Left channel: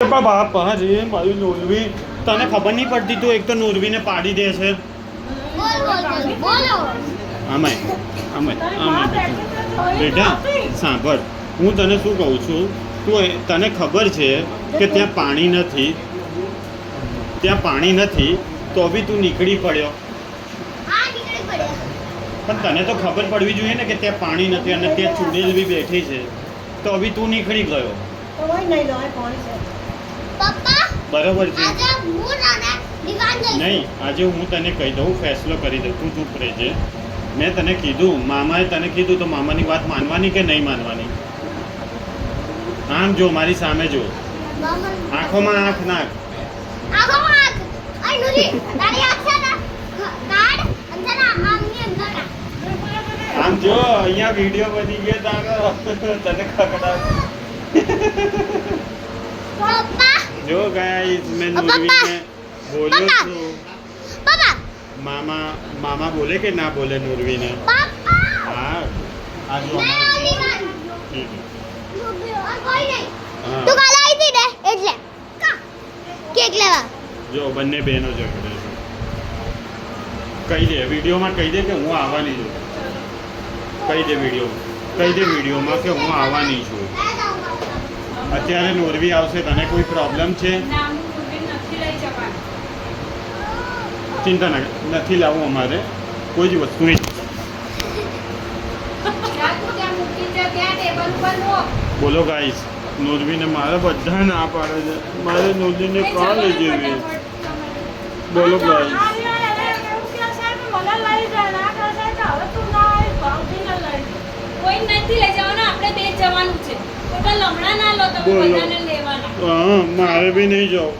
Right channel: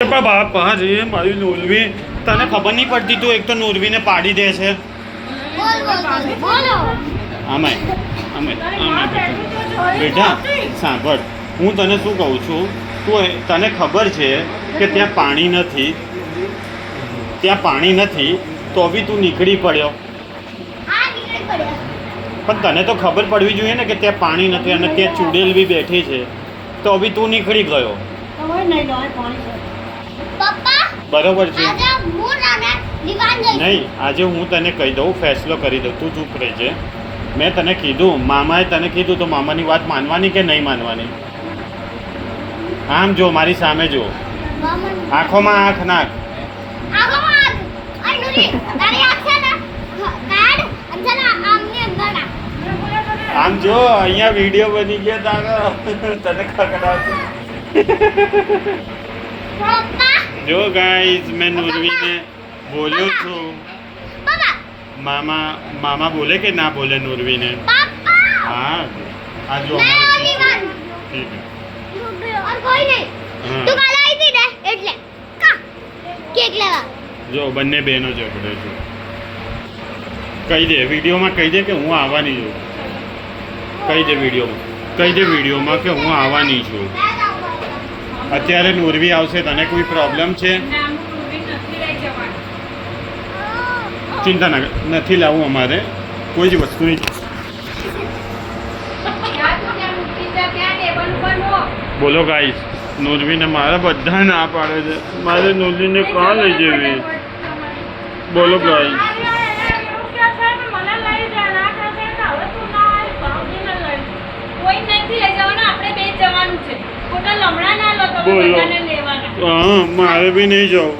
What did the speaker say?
બાપ હા જઈએ મારી નોરવી તને ખબર નહીં પડતી તું એક તો નોરવીને પાડી દે છે અમે બેટા સાંભળ હું તને શું કહું છું તને ખબર છે કે ત્યાં પાણી નથી તો બી તું નીકળી પડ્યો પણ તને તો ખબર પડવી જોઈએ ને કે ત્યાં પાણી નથી અને ત્યાં ચૂડેલ બી બેઠી છે તો બી તું નીકળી ગયો બરોબર છે નહીં આજે હું તને કહી દઉં ફેસલો કરી દઉં તું ચૂપ રહેજે મેં તને કીધું મામાએ તને કીધું તો મામાની વાત માનવાની કે નહીં માનવાની આમ જો મારી સામે જો આંખોમાં આંખ નાખ આમ જો અહીંયા વિડીયો બની ગયા તારો તને ખબર જો ગાઈસ મેં નૂરવીને બોલ્યો છું મામા બોલે કે ના બોલે નૂરવીને હા આ જો જો બંને બહેનો ઝઘડે છે કહી દે વિડીયોમાં કહી દે કે હું આવવાની છું કહી દે વિડીયોમાં કે હું આવવાની છું અત્યારે નોરવી આવશે તને કોઈ પ્રોબ્લેમ છે ચિંતા નથી લાવવું અમારે કોઈ જ વસ્તુ નહીં બોલો ગાઈસ નોરવીને મારા બધા ના પાડે છે મારે નોરવીને કાં લઈ જવી બોલો ગાઈસ બોલો હા મારે બી નહીં જાઉં